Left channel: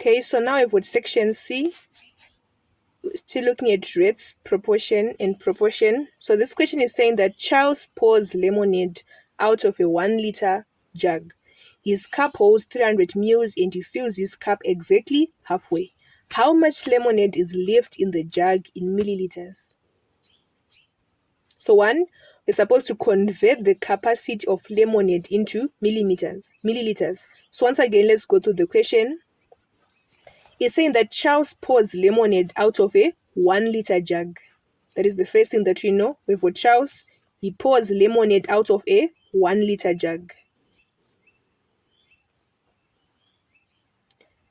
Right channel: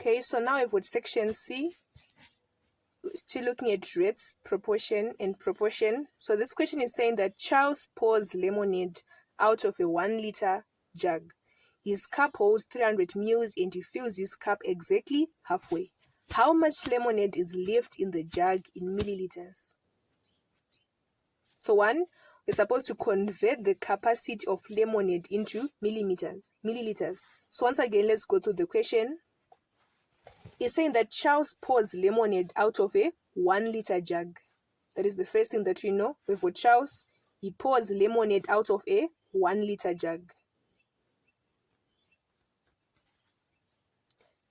Okay, so now I've got section C. Still looking at rates, proportion, and proportion. So this question is saying that Charles pours lemonade out of a 1 liter jug. His cup holds 300 ml and he fills his cup exactly halfway. How much lemonade is left in the jug in milliliters? So one, we're supposed to convert the capacity of lemonade into milliliters. So once again, let's go through the question. It's saying that Charles pours lemonade out of a 1 liter jug. That is the first thing that we know. We've got Charles. He pours lemonade out of a 1 liter jug.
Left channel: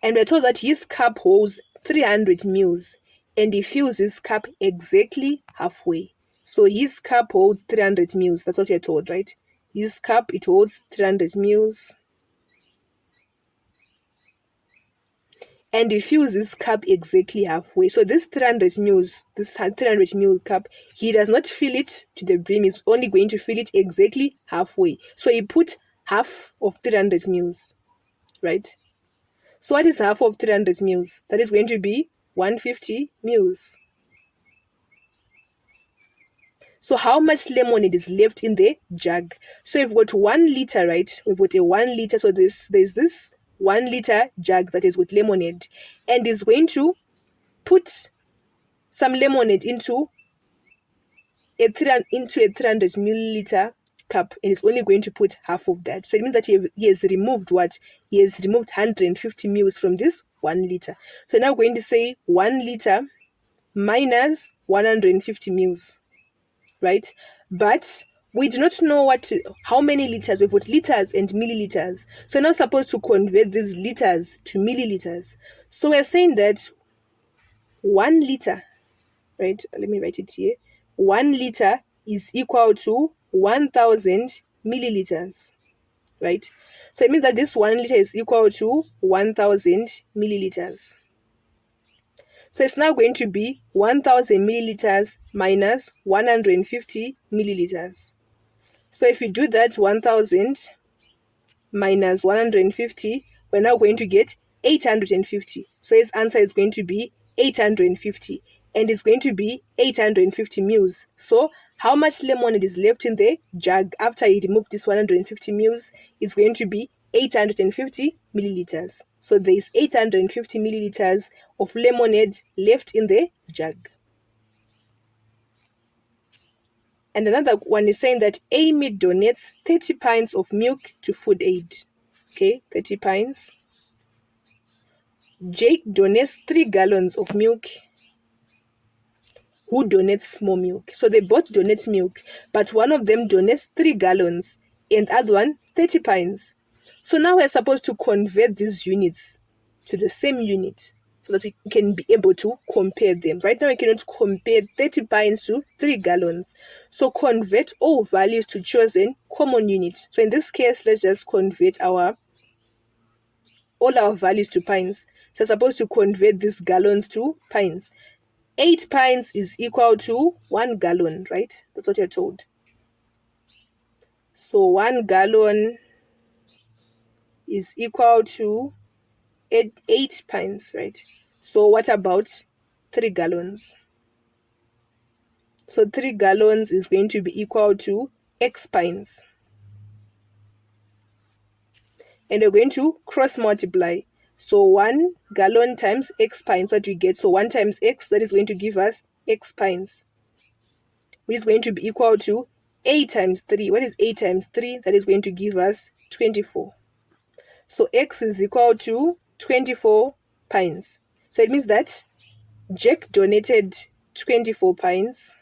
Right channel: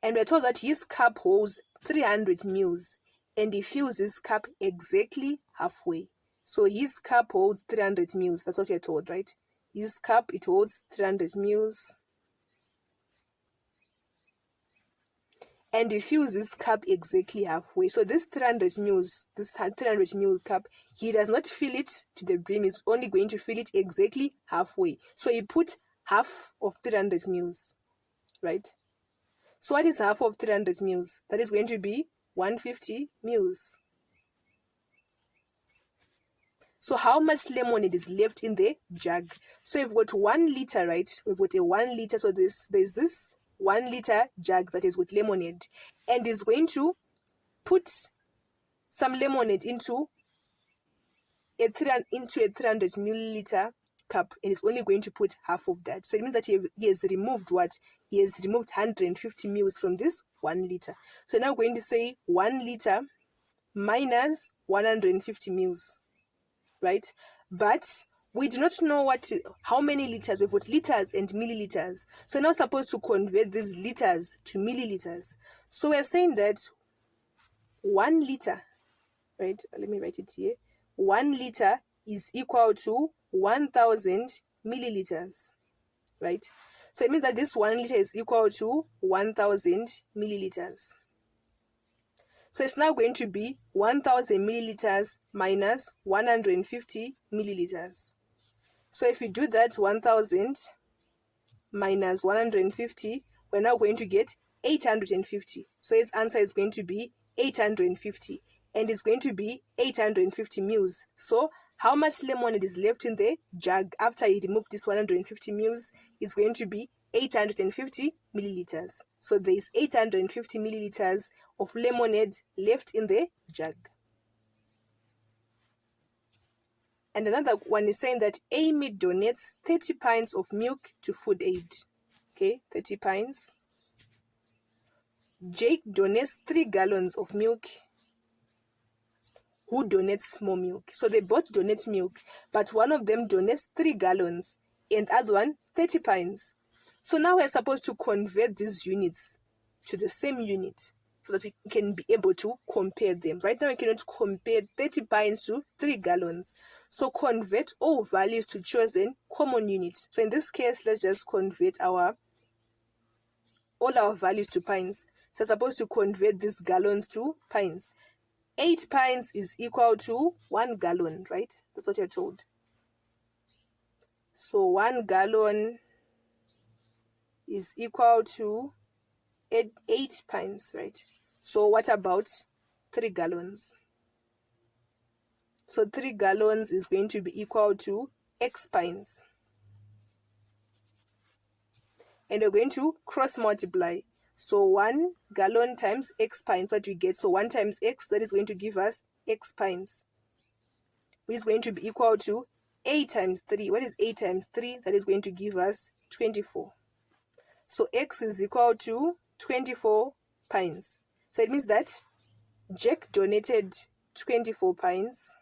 And we're told that his cup holds 300 ml and he fills his cup exactly halfway. So his cup holds 300 ml. That's what you're told, right? His cup, it holds 300 ml. And he fills his cup exactly halfway. So this 300 ml, this 300 ml cup, he does not fill it to the brim. He's only going to fill it exactly halfway. So he put half of 300 ml, right? So what is half of 300 ml? That is going to be 150 ml. So how much lemonade is left in the jug? So we've got 1 liter, right? We've got a 1 liter. So there's this 1 liter jug that is with lemonade, and is going to put some lemonade into a 300 milliliter cup, and it's only going to put half of that. So it means that he has removed what? He has removed 150 ml from this 1 liter. So now we're going to say 1 liter minus 150 ml, right? But we do not know how many liters. We've got liters and milliliters. So we're now supposed to convert these liters to milliliters. So we're saying that 1 liter, right? Let me write it here. 1 liter is equal to 1000 milliliters, right? So it means that this 1 liter is equal to 1000 milliliters. So it's now going to be 1000 milliliters minus 150 milliliters. So if you do that, 1000 minus 150, we're now going to get 850. So his answer is going to be 850, and it's going to be 850 ml. So how much lemonade is left in the jug after he removed this 150 ml? It's going to be 850 milliliters. So there is 850 milliliters of lemonade left in the jug. And another one is saying that Amy donates 30 pints of milk to Food Aid. Okay, 30 pints. Jake donates 3 gallons of milk. Who donates more milk? So they both donate milk, but one of them donates 3 gallons and other one 30 pints. So now we're supposed to convert these units to the same unit so that we can be able to compare them. Right now we cannot compare 30 pints to 3 gallons. So convert all values to chosen common unit. So in this case, let's just convert all our values to pints. So we're supposed to convert these gallons to pints. 8 pints is equal to 1 gallon, right? That's what you're told. So 1 gallon is equal to 8 pints, right? So what about 3 gallons? So 3 gallons is going to be equal to X pints. And we're going to cross multiply. So 1 gallon times X pints, what we get? So 1 times X, that is going to give us X pints, which is going to be equal to 8 times 3. What is 8 times 3? That is going to give us 24. So X is equal to 24 pints. So it means that Jack donated 24 pints,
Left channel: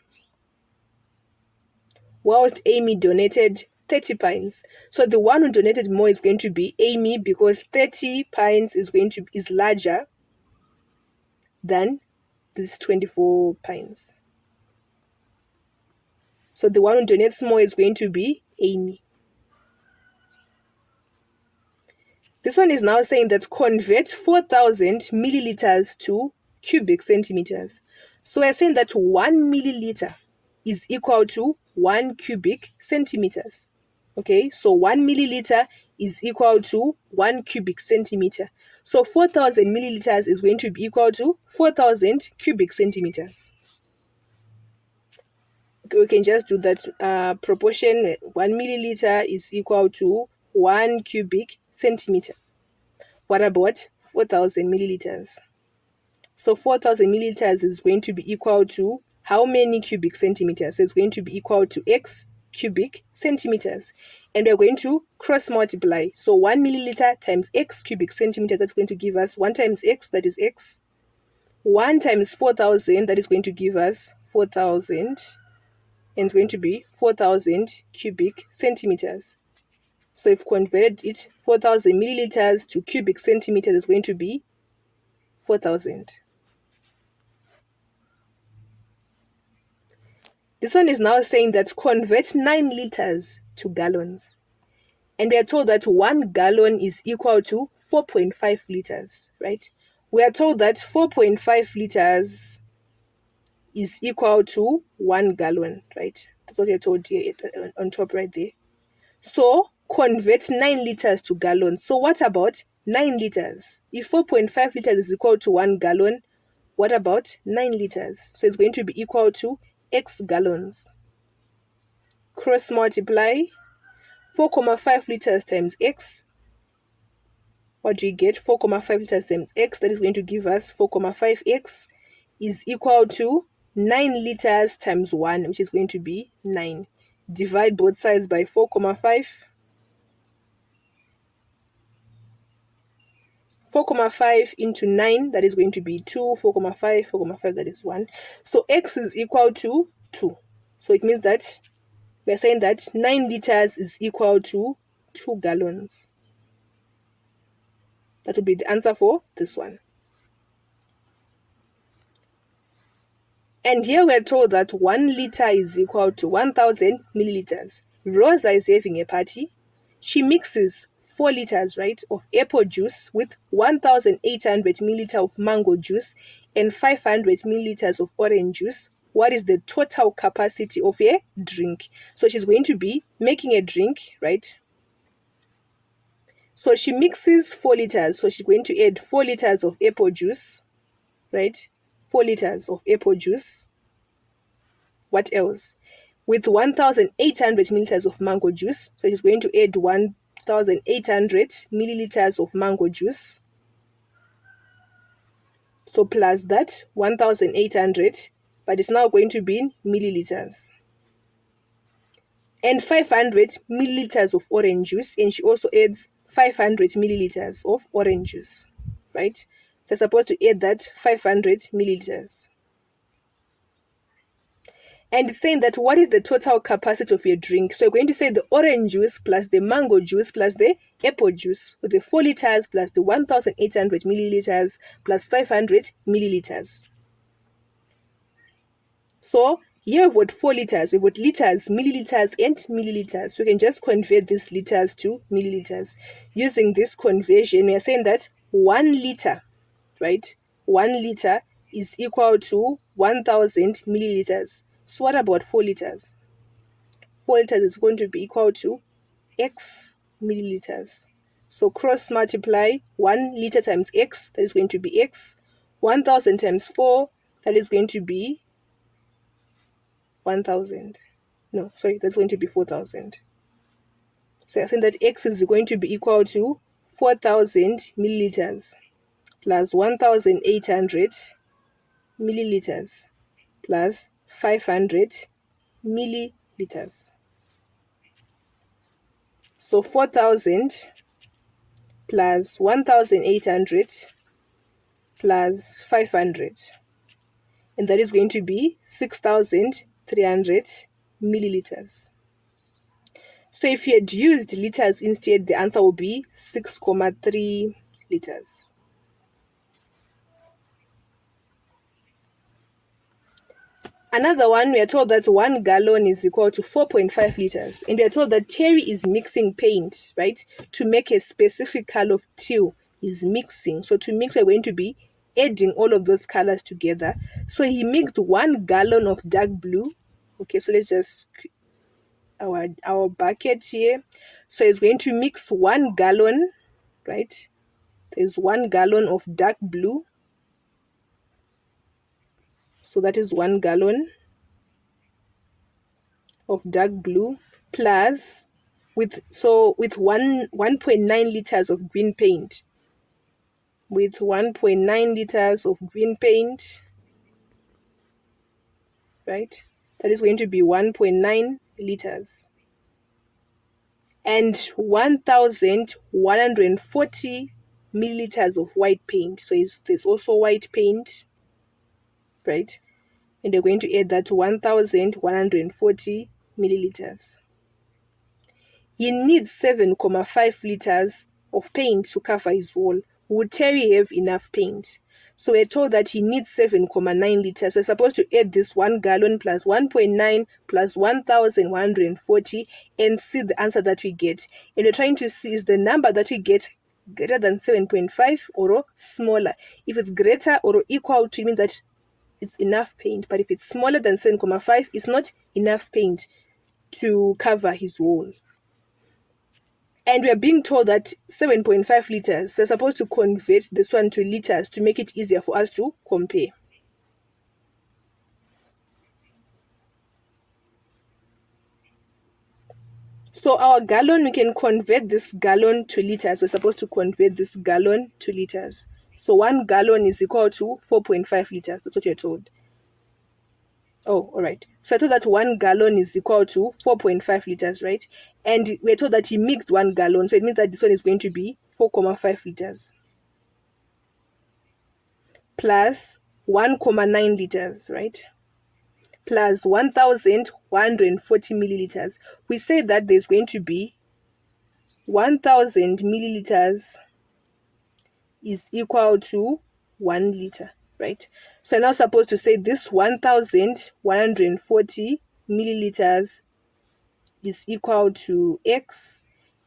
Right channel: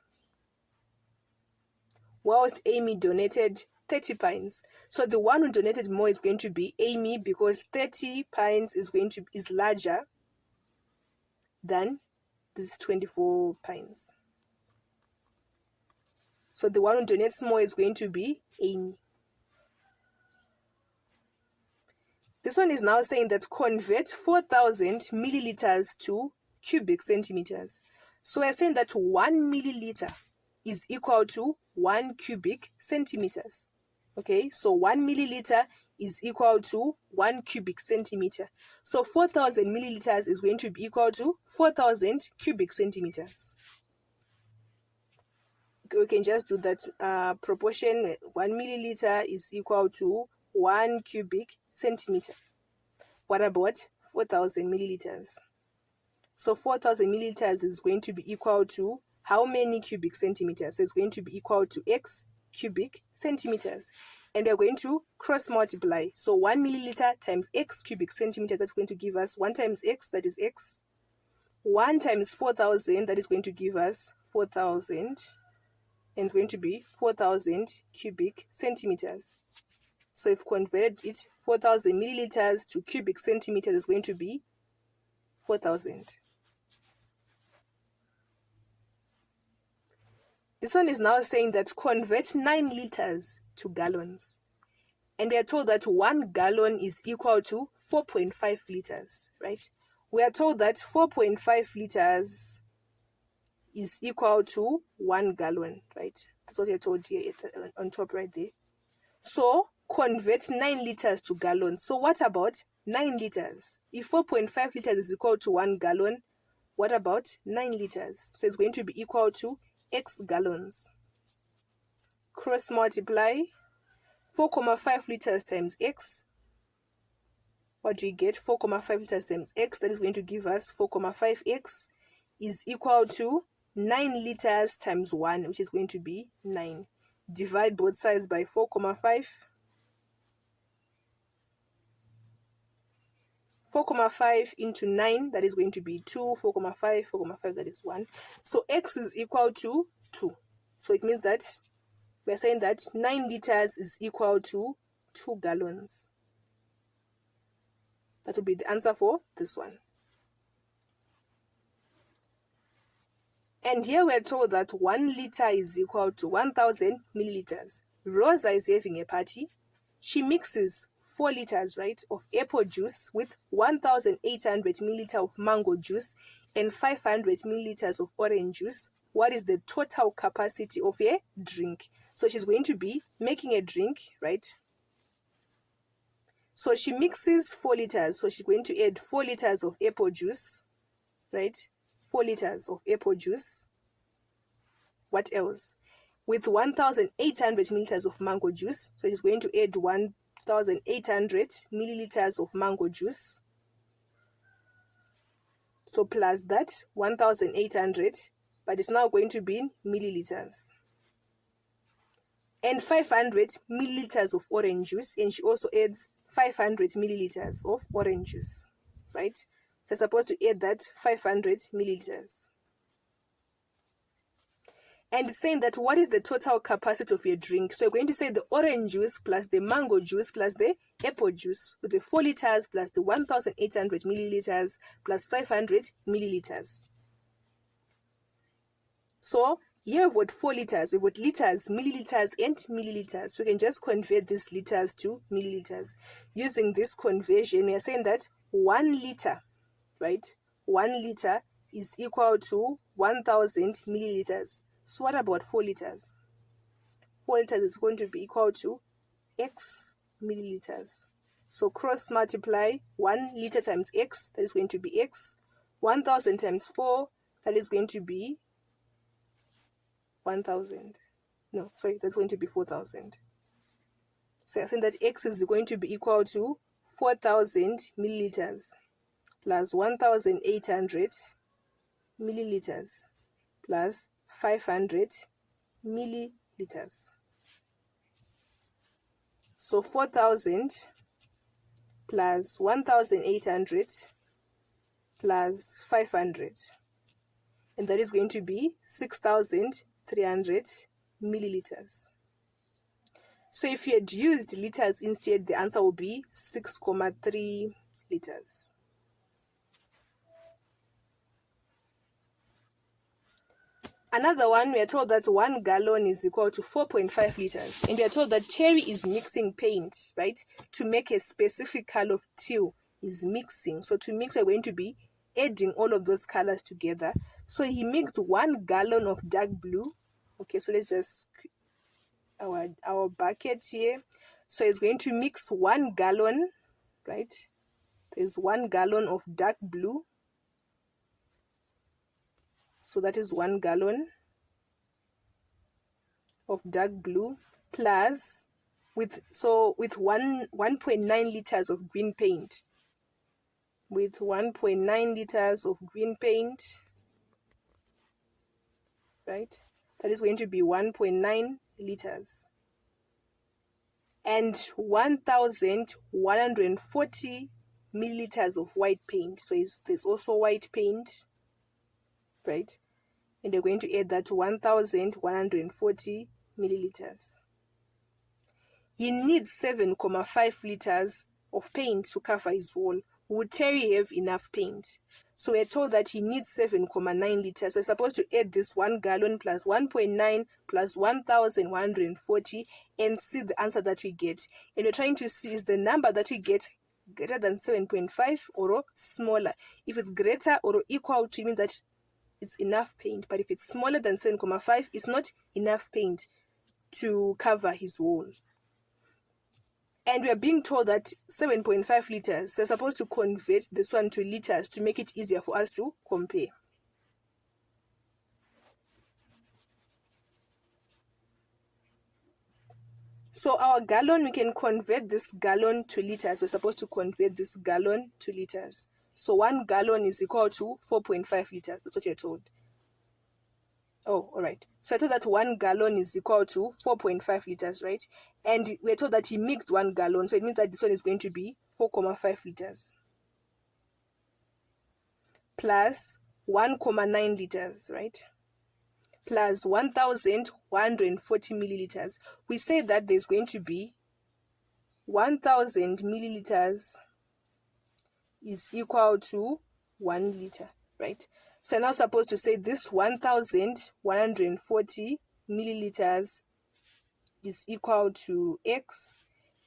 whilst Amy donated 30 pints. So the one who donated more is going to be Amy, because 30 pints is larger than this 24 pints. So the one who donates more is going to be Amy. This one is now saying that convert 4,000 milliliters to cubic centimeters. So we're saying that 1 milliliter is equal to 1 cubic centimeters. Okay, so 1 milliliter is equal to 1 cubic centimeter. So 4,000 milliliters is going to be equal to 4,000 cubic centimeters. Okay, we can just do that proportion. 1 milliliter is equal to 1 cubic centimeter. What about 4,000 milliliters? So 4,000 milliliters is going to be equal to how many cubic centimeters? So it's going to be equal to x cubic centimeters. And we're going to cross multiply. So 1 milliliter times x cubic centimeter, that's going to give us 1 times x, that is x. 1 times 4,000, that is going to give us 4,000. And it's going to be 4,000 cubic centimeters. So if converted it, 4,000 milliliters to cubic centimeters is going to be 4,000. This one is now saying that convert 9 liters to gallons. And we are told that 1 gallon is equal to 4.5 liters, right? We are told that 4.5 liters is equal to 1 gallon, right? That's what we are told here on top right there. So convert 9 liters to gallons. So what about 9 liters? If 4.5 liters is equal to 1 gallon, what about 9 liters? So it's going to be equal to x gallons. Cross multiply 4.5 liters times x. What do you get? 4.5 liters times x, that is going to give us 4.5x is equal to 9 liters times 1, which is going to be 9. Divide both sides by 4.5. 4.5 into 9, that is going to be 2. 4.5, 4.5, that is 1. So x is equal to 2. So it means that we're saying that 9 liters is equal to 2 gallons. That will be the answer for this one. And here we're told that 1 liter is equal to 1,000 milliliters. Rosa is having a party. She mixes 4 liters, right, of apple juice with 1,800 milliliters of mango juice and 500 milliliters of orange juice. What is the total capacity of a drink? So she's going to be making a drink, right? So she mixes 4 liters. So she's going to add 4 liters of apple juice, right? 4 liters of apple juice. What else? With 1,800 milliliters of mango juice. So she's going to add 1,800 milliliters of mango juice. So plus that 1,800, but it's now going to be in milliliters. And 500 milliliters of orange juice. And she also adds 500 milliliters of orange juice, right? So I'm supposed to add that 500 milliliters. And it's saying that what is the total capacity of your drink? So you're going to say the orange juice plus the mango juice plus the apple juice with the 4 liters plus the 1,800 milliliters plus 500 milliliters. So here we've got 4 liters, we've got liters, milliliters, and milliliters. So we can just convert these liters to milliliters. Using this conversion, we are saying that 1 liter, right? 1 liter is equal to 1,000 milliliters. So what about 4 liters? 4 liters is going to be equal to x milliliters. So cross multiply 1 liter times x, that is going to be x. 1,000 times 4, that is going to be 1,000. No, sorry, that's going to be 4,000. So I think that x is going to be equal to 4,000 milliliters plus 1,800 milliliters plus 500 milliliters. So 4,000 plus 1,800 plus 500. And that is going to be 6,300 milliliters. So if you had used liters instead, the answer will be 6.3 liters. Another one, we are told that 1 gallon is equal to 4.5 liters. And we are told that Terry is mixing paint, right, to make a specific color of teal. He's mixing. So to mix, we're going to be adding all of those colors together. So he mixed 1 gallon of dark blue. Okay, so let's just our bucket here. So it's going to mix 1 gallon, right? There's 1 gallon of dark blue. So that is 1 gallon of dark blue plus with 1.9 liters of green paint. With 1.9 liters of green paint, right? That is going to be 1.9 liters. And 1,140 milliliters of white paint. So there's also white paint, right? And they're going to add that to 1,140 milliliters. He needs 7.5 liters of paint to cover his wall. Would Terry have enough paint? So we're told that he needs 7.9 liters. So we're supposed to add this 1 gallon plus 1.9 plus 1,140 and see the answer that we get. And we're trying to see is the number that we get greater than 7.5 or smaller. If it's greater or equal to, it means that it's enough paint. But if it's smaller than 7.5, it's not enough paint to cover his wall. And we are being told that 7.5 liters, so we're supposed to convert this one to liters to make it easier for us to compare. So our gallon, we can convert this gallon to liters. We're supposed to convert this gallon to liters. So 1 gallon is equal to 4.5 liters. That's what you're told. Oh, all right. So I told that 1 gallon is equal to 4.5 liters, right? And we're told that he mixed 1 gallon. So it means that this one is going to be 4.5 liters. Plus 1.9 liters, right? Plus 1,140 milliliters. We say that there's going to be 1,000 milliliters is equal to 1 liter, right? So I'm now supposed to say this 1,140 milliliters is equal to X,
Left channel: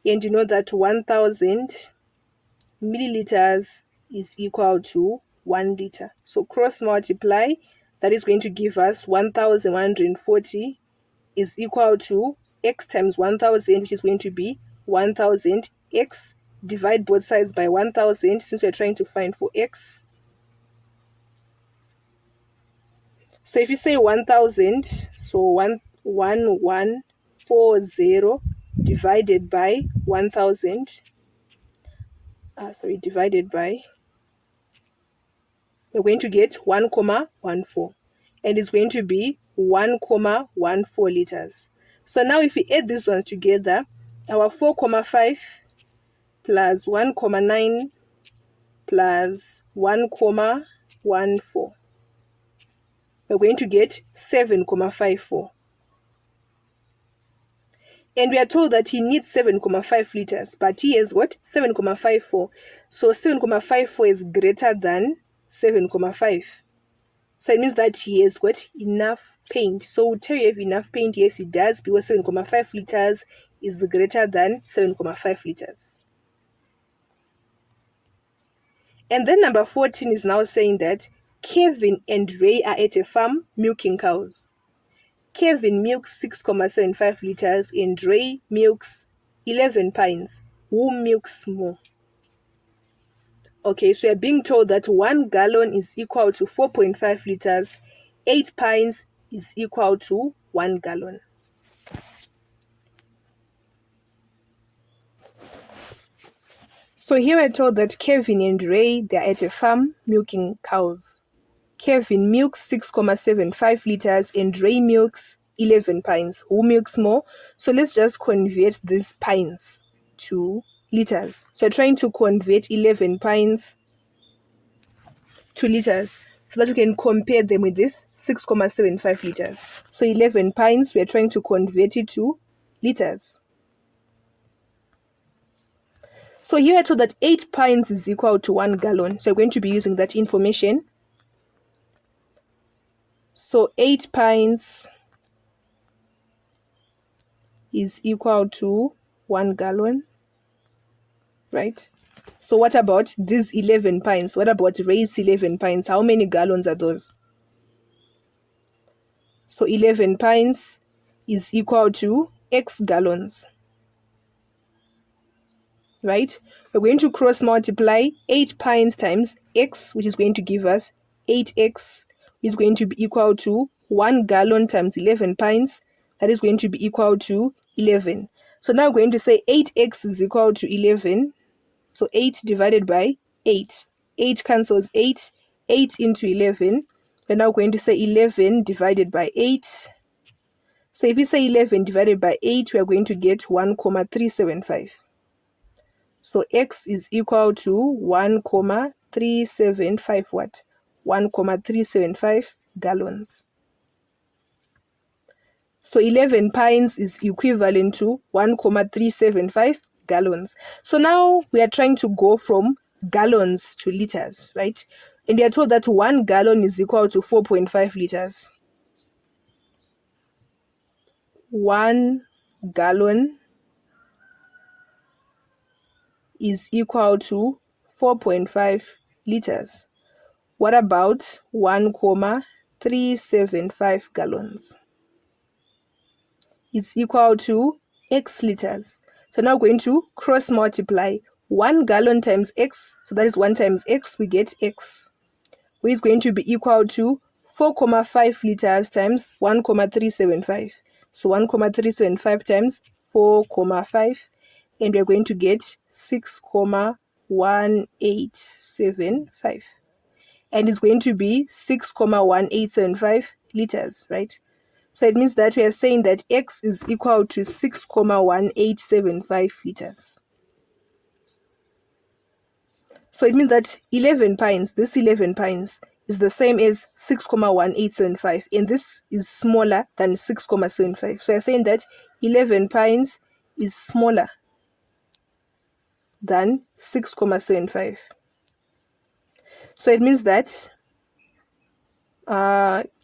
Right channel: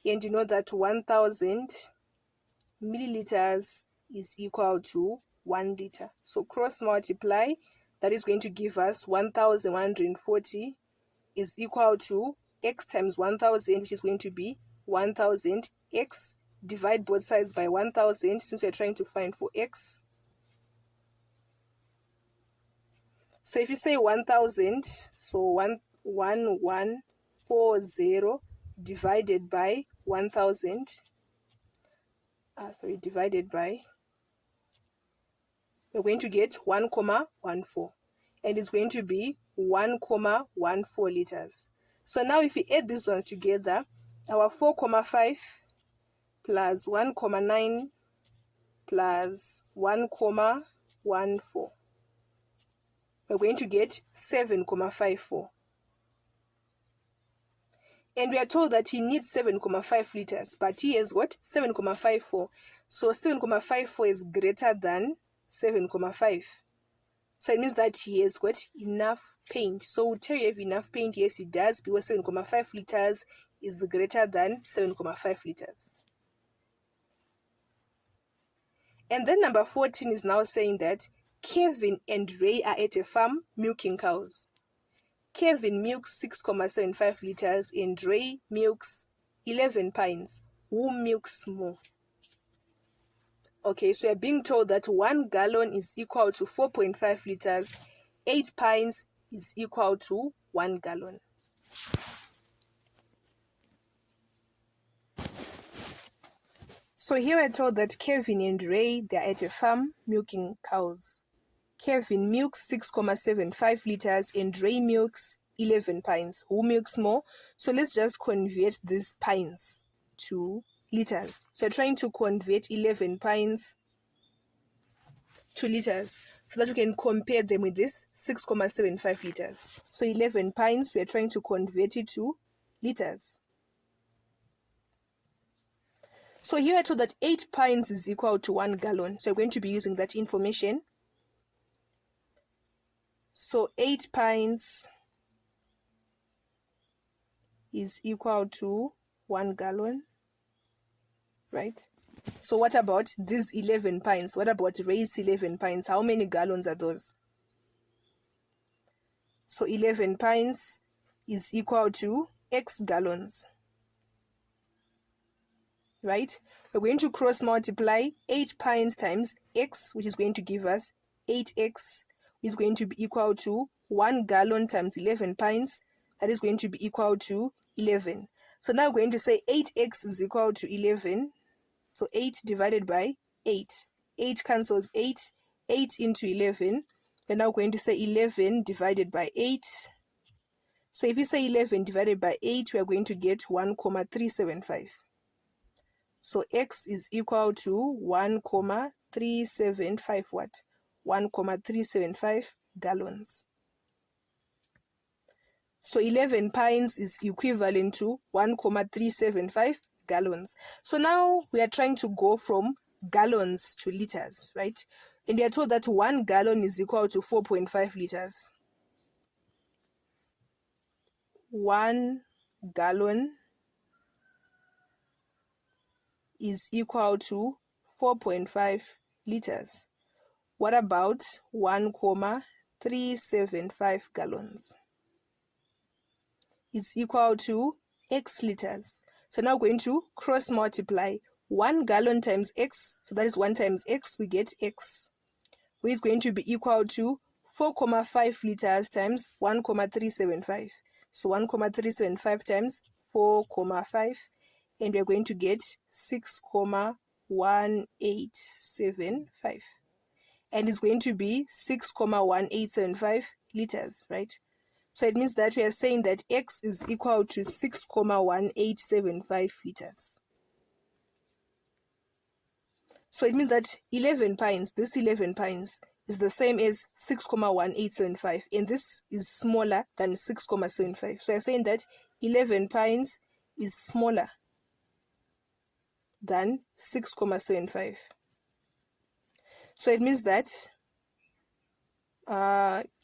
and you know that 1,000 milliliters is equal to 1 liter. So cross multiply, that is going to give us 1,140 is equal to X times 1,000, which is going to be 1,000. X, divide both sides by 1,000 since we're trying to find for X. So if you say 1,000, so 1,140 divided by 1,000, divided by, we're going to get 1,14, and it's going to be 1,14 liters. So now if we add these ones together, our 4,5 plus 1,9 plus 1,14, we're going to get 7,54. And we are told that he needs 7,5 liters, but he has what? 7,54. So 7,54 is greater than 7,5. So it means that he has got enough paint. So would Terry have enough paint? Yes, he does, because 7,5 liters is greater than 7,5 liters. And then number 14 is now saying that Kevin and Ray are at a farm milking cows. Kevin milks 6.75 liters and Ray milks 11 pints. Who milks more? Okay, so you're being told that 1 gallon is equal to 4.5 liters. 8 pints is equal to 1 gallon. So here we're told that Kevin and Ray, they're at a farm milking cows. Kevin milks 6.75 liters and Ray milks 11 pints. Who milks more? So let's just convert these pints to liters. So we're trying to convert 11 pints to liters so that we can compare them with this 6.75 liters. So 11 pints, we're trying to convert it to liters. So here we're told that 8 pints is equal to 1 gallon. So we're going to be using that information. So 8 pints is equal to 1 gallon, right? So what about these 11 pints? What about Ray's 11 pints? How many gallons are those? So 11 pints is equal to X gallons. right? We're going to cross multiply 8 pints times x, which is going to give us 8x, is going to be equal to 1 gallon times 11 pints. That is going to be equal to 11. So now we're going to say 8x is equal to 11. So 8 divided by 8. 8 cancels 8. 8 into 11. We're now going to say 11 divided by 8. So if we say 11 divided by 8, we are going to get 1,375. So x is equal to 1,375 what? 1,375 gallons. So 11 pints is equivalent to 1,375 gallons. So now we are trying to go from gallons to liters, right? And we are told that 1 gallon is equal to 4.5 liters. 1 gallon is equal to 4.5 liters. What about 1,375 gallons? It's equal to x liters. So now we're going to cross multiply 1 gallon times x. So that is 1 times x, we get x, which is going to be equal to 4,5 liters times 1,375. So 1,375 times 4,5, and we're going to get 6,1875. And it's going to be 6,1875 liters, right? So it means that we are saying that x is equal to 6,1875 liters. So it means that 11 pints, this 11 pints is the same as 6,1875, and this is smaller than 6,75. So you're saying that 11 pints is smaller than 6,75. So it means that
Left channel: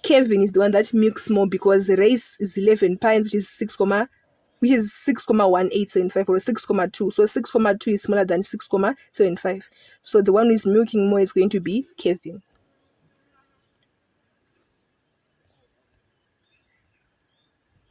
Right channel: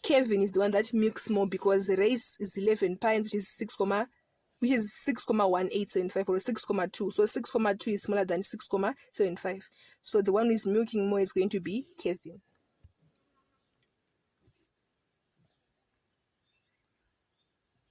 Kevin is the one that milks more, because the race is 11 pints, which is 6,1875 or 6,2. So 6,2 is smaller than 6,75. So the one who is milking more is going to be Kevin.